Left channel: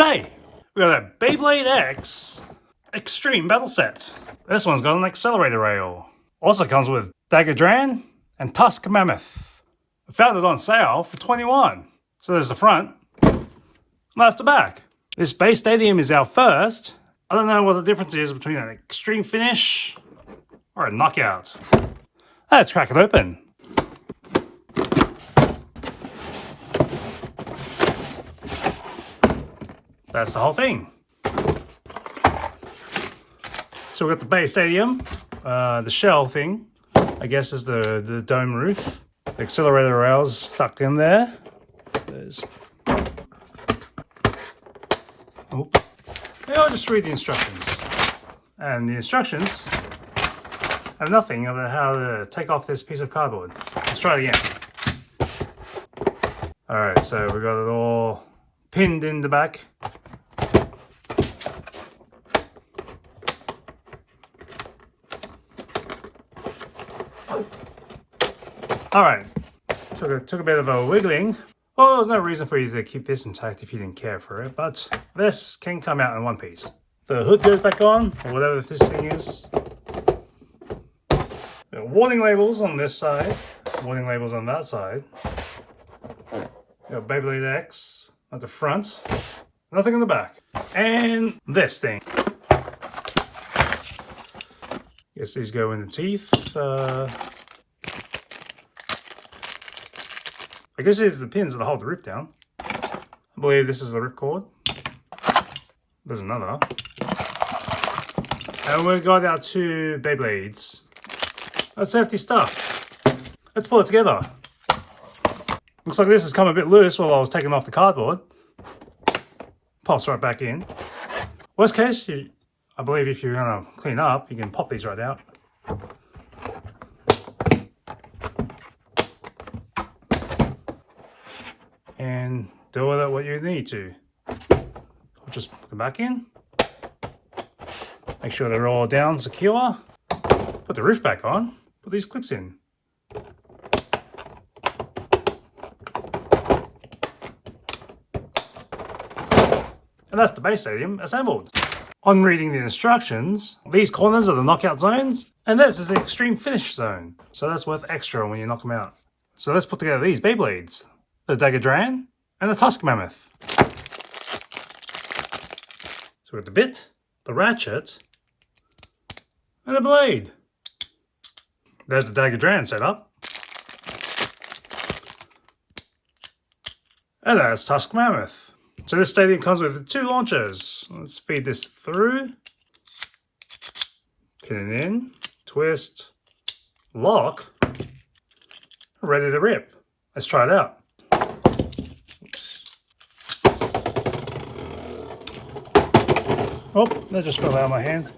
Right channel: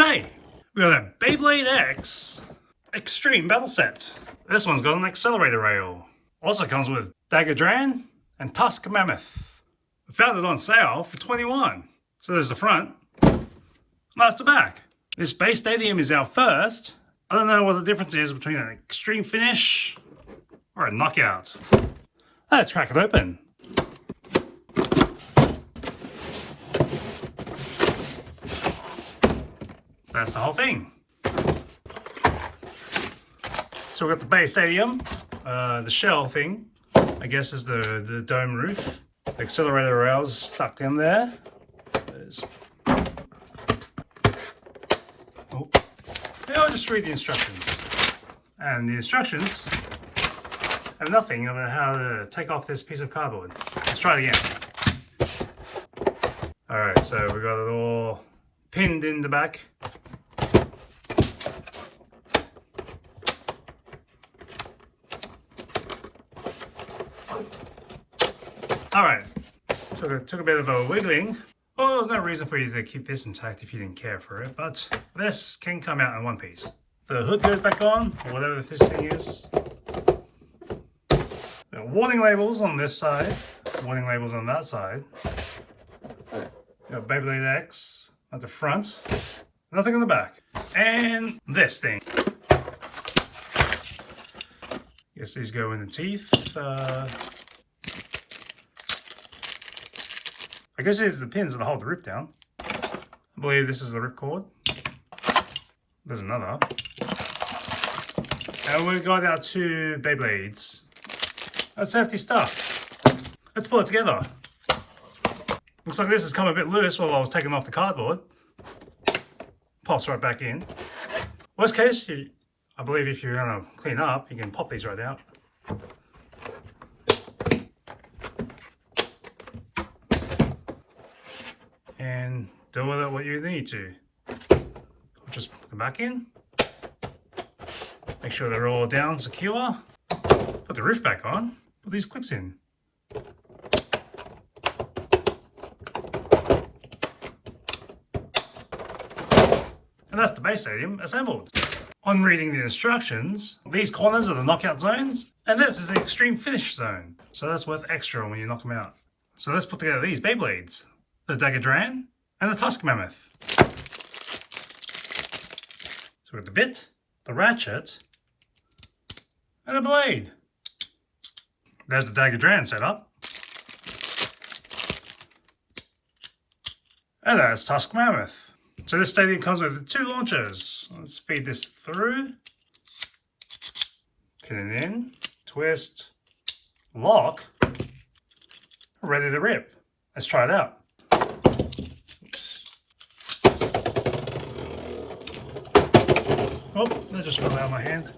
G'day! We got a Beyblade X Extreme Battle Set. This one's got an accelerator rail. Also comes with Dagger Dran and Tusk Mammoth. I found it on sale for $21. So there's the front, and that's the back. This base stadium is our first. I don't know what the difference is between an extreme finish or a knockout. Let's crack it open. That's the whole thing. So we've got the base stadium, the shell thing, I guess is the dome roof. The accelerator rails stuck in there. Maybe I'll just read the instructions. And the instructions have nothing about how to take off this piece of cardboard. Let's try it again. Alright, so we got it all pinned in the back. Alright, took a bit of a wiggling. Well, there's no reason for you to keep this intact if you didn't care for it, but this can come out in one piece. The hood goes back on, or whatever this thing is. There are warning labels on this side, warning labels on that side. Beyblade X at the front, nothing in the back. And this thing. Guess these go in the teeth. I guess these are the pins that hold the rip down. I believe this is the rip cord. There's another. And we've got our two Beyblades. That's hefty stuff. Let's pull it together. Looks like this has come a bit loose while I was taking off the cardboard. Pops right back in. Worst case, I believe if you're going to clean up, you can pop these right out. And do with it what you need to. Just put them back in. Make sure they're all down secure. Put the roof back on. Put these clips in. And that's the base stadium assembled. On reading the instructions, these corners are the knockout zones, and this is the extreme finish zone. So that's worth extra when you knock them out. So let's put together these Beyblades. The Dagger Dran and the Tusk Mammoth. So with the bit, the ratchet, and the blade. There's the Dagger Dran set up. And that's Tusk Mammoth. So this stadium comes with two launchers. Let's feed this through. Pin it in, twist, lock, ready to rip. Let's try it out. Oh, that just fell out of my hand.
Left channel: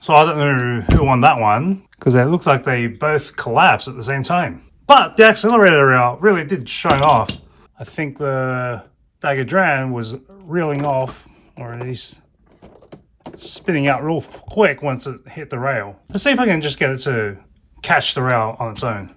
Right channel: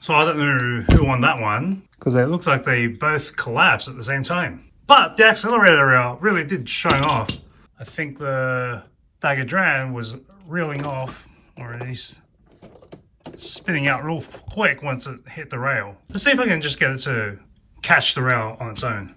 So I don't know who won that one, because it looks like they both collapsed at the same time. But the accelerator rail really did shine off. I think the Dagger Dran was reeling off, or at least spinning out real quick once it hit the rail. Let's see if I can just get it to catch the rail on its own.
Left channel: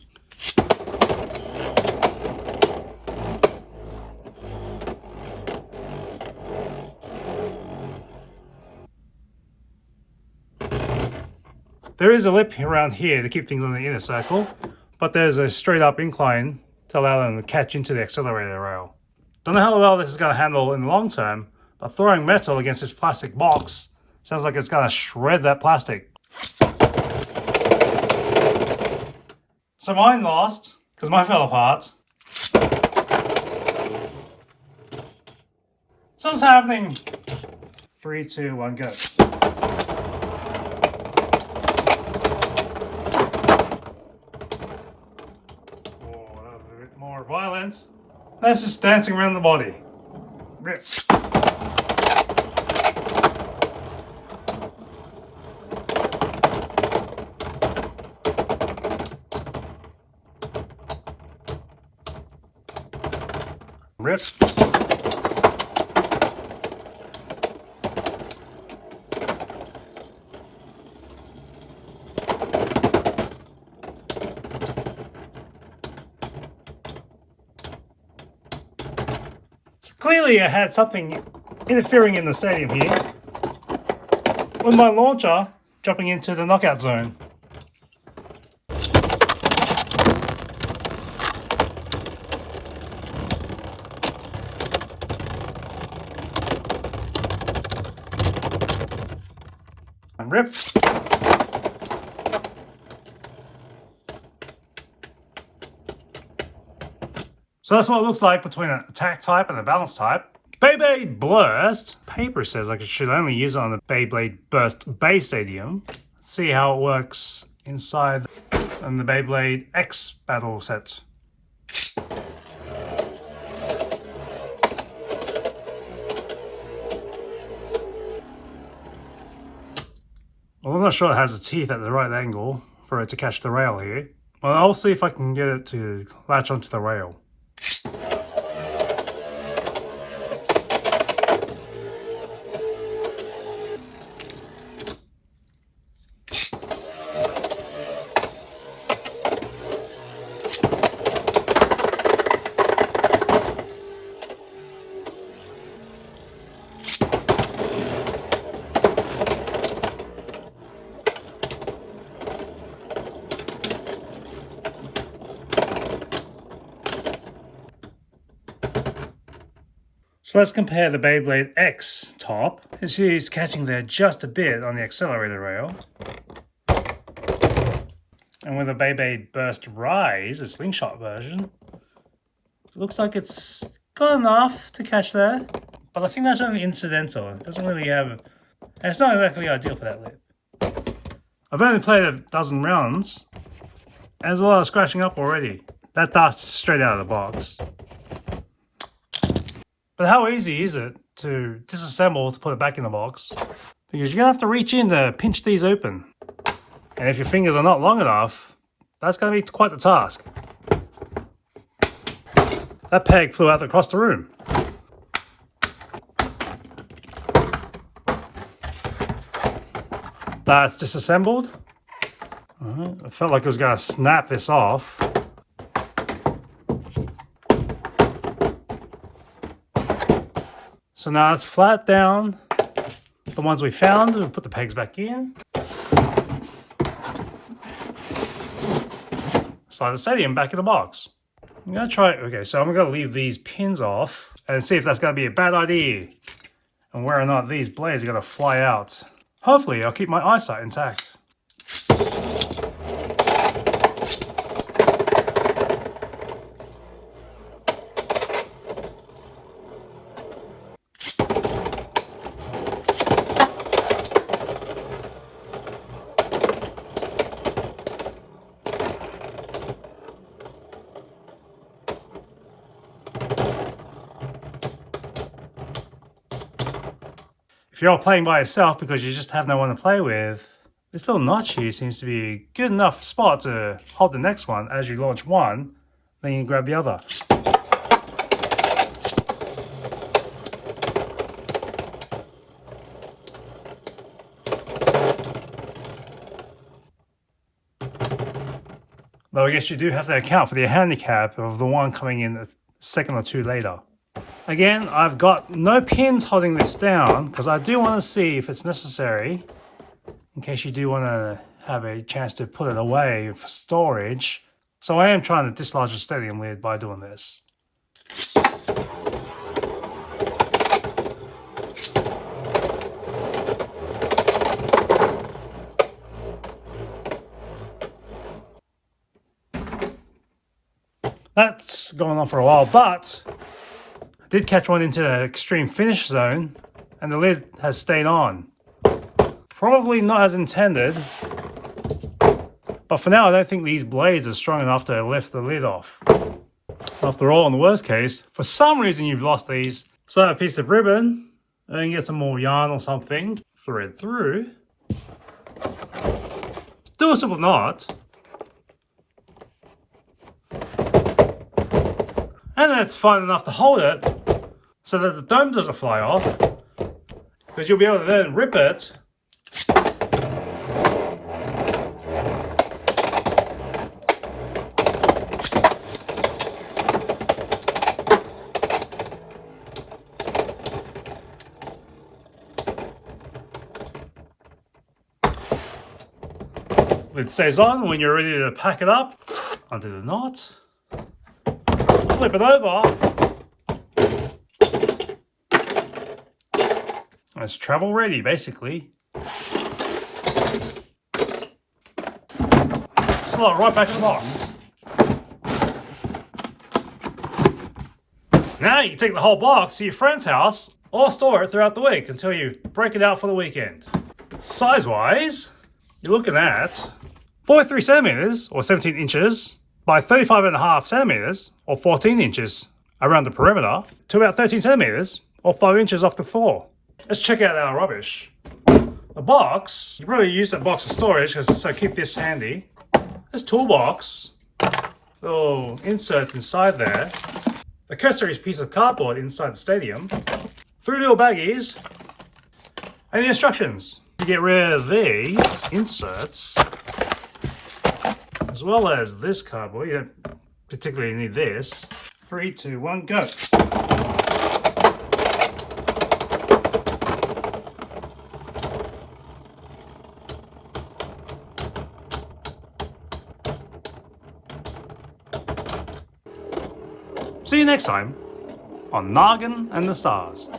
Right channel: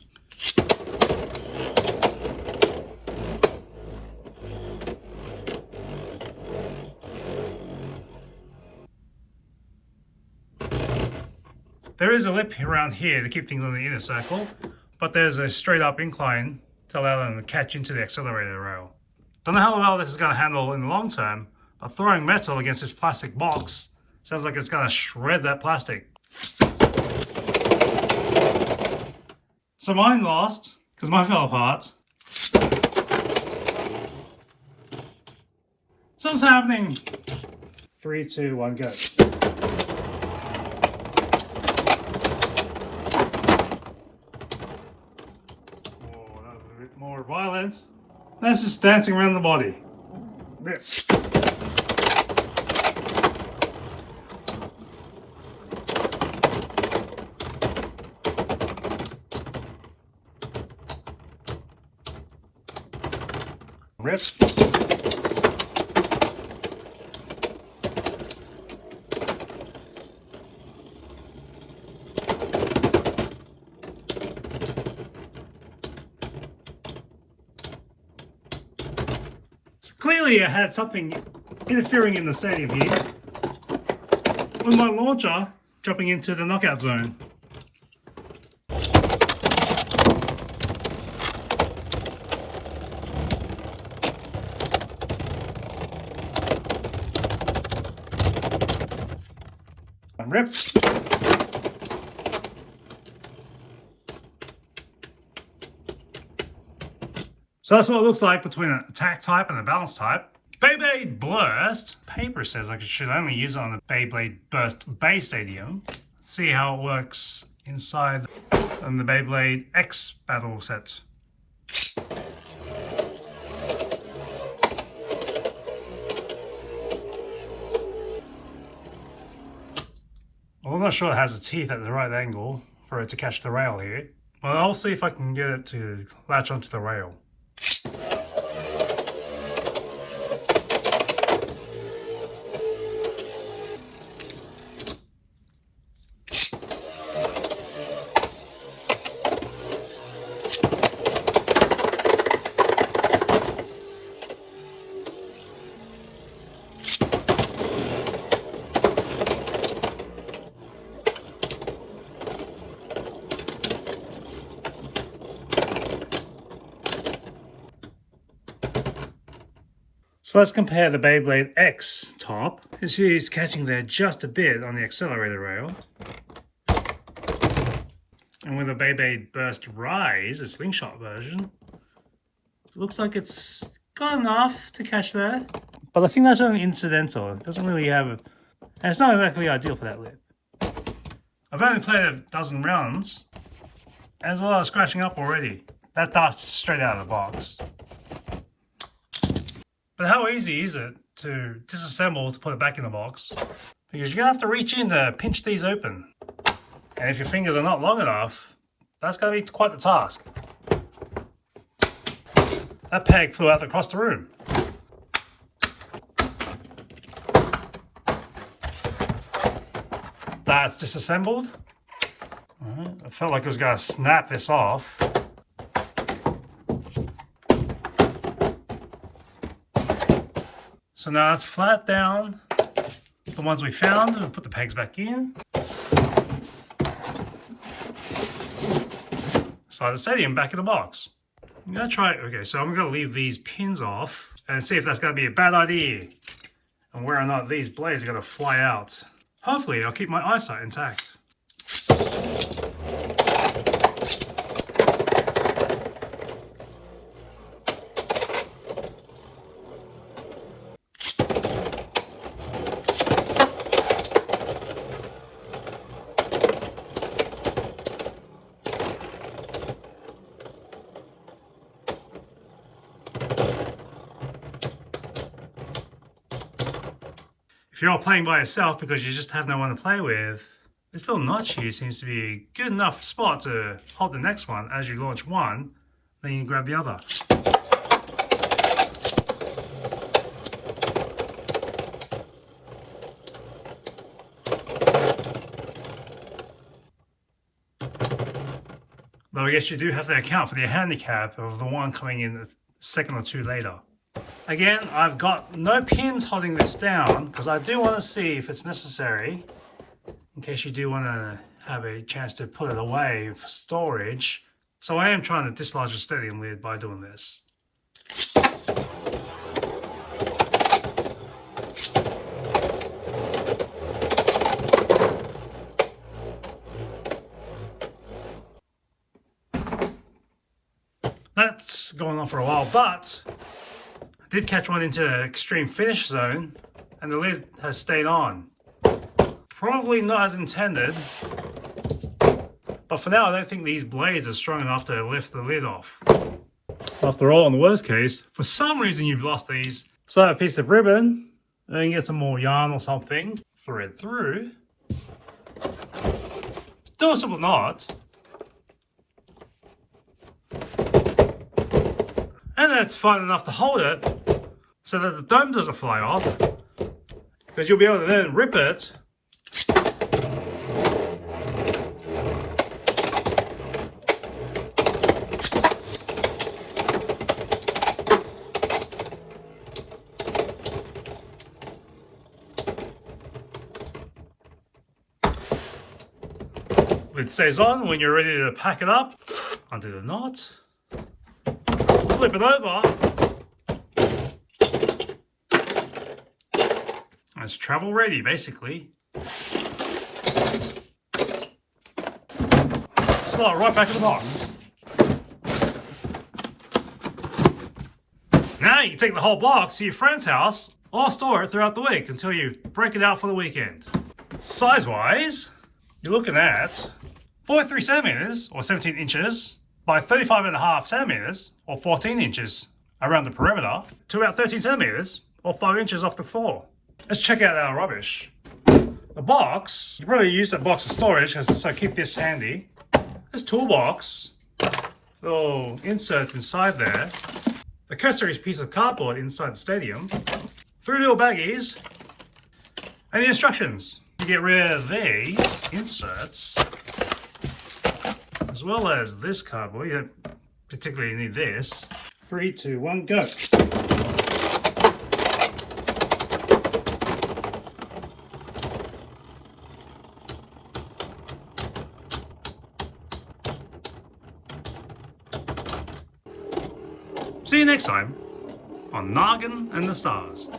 There is a lip around here to keep things on the inner circle, but there's a straight up incline to allow them to catch into the accelerator rail. Don't know how well this is going to handle in the long term, but throwing metal against this plastic box sounds like it's going to shred that plastic. So mine lost, because mine fell apart. Something's happening. 3, 2, 1, go. More violent. That's just dancing around the body. rip. Clearly I had something interfering in the stadium here with my launcher dropping into the knockout zone. Rip. So that's what it looks like between an attack type and a balance type. Beyblade Burst. Paper says I should only use it on the Beyblade Burst base stadium. Let's see how it works inside on the Beyblade X battle set. Well, I'm not sure it has the teeth at the right angle for it to catch the rail here. Well, I'll see if I can get it to latch onto the rail. So let's compare the Beyblade X top. You see it's catching there just a bit on the accelerator rail. And with the Beyblade Burst Rise, a slingshot version, it looks like it's got enough to catch there. But I think that's only incidental. It doesn't really have... and it's not exactly ideal for that lip. I've only played a dozen rounds, and there's a lot of scratching up already. That dust is straight out of the box. But how easy is it to disassemble to put it back in the box? Because you're going to have to reach in to pinch these open. And if your fingers are not long enough, that's going to be quite the task. That peg flew out across the room. That's disassembled. I felt like it was going to snap this off. So now let's flat down the ones we found and put the pegs back in. Slide the stadium back in the box. I'm gonna try, okay, so I'm gonna leave these pins off and see if that's gonna be a bad idea. And whether or not these blades are gonna fly out. Hopefully I'll keep my eyesight intact. If you're playing by yourself because you just have no one to play with, this little notch here seems to be a good enough spot to hold the next one as you launch one, then you can grab the other. Though I guess you do have to account for the handicap of the one coming in a second or two later. Again, I've got no pins holding this down because I do want to see if it's necessary in case you do want to have a chance to put it away for storage. So I am trying to dislodge the stadium lid by doing this. That's going on for a while, but I did catch one into an extreme finish zone and the lid has stayed on. Probably not as intended, but for now I don't think these blades are strong enough to lift the lid off. After all, in the worst case, for some reason you've lost these, so a piece of ribbon, and you get some more yarn or something, thread through, do a simple knot, And then it's fine enough to hold it so that the dome doesn't fly off, because you'll be able to then rip it Lid stays on. When you're ready to pack it up, undo the knot, flip it over, and it's travel ready basically. Slot right back in the box. Now you can take the whole box to your friend's house or store it throughout the week until you break it out for the weekend. Size wise, you're looking at 43 centimeters or 17 inches by 35.5 centimeters or 14 inches around the perimeter to about 13 centimeters or 5 inches off the floor. Let's check out our rubbish. The box, you probably use a box of storage, so keep this handy. This toolbox, little inserts inside there. The customary piece of cardboard inside the stadium. 3 little baggies. And the instructions. You get rid of these inserts, as well as this cardboard. You don't particularly need this. 3, 2, 1, go. See you next time on Noggin and the Stars.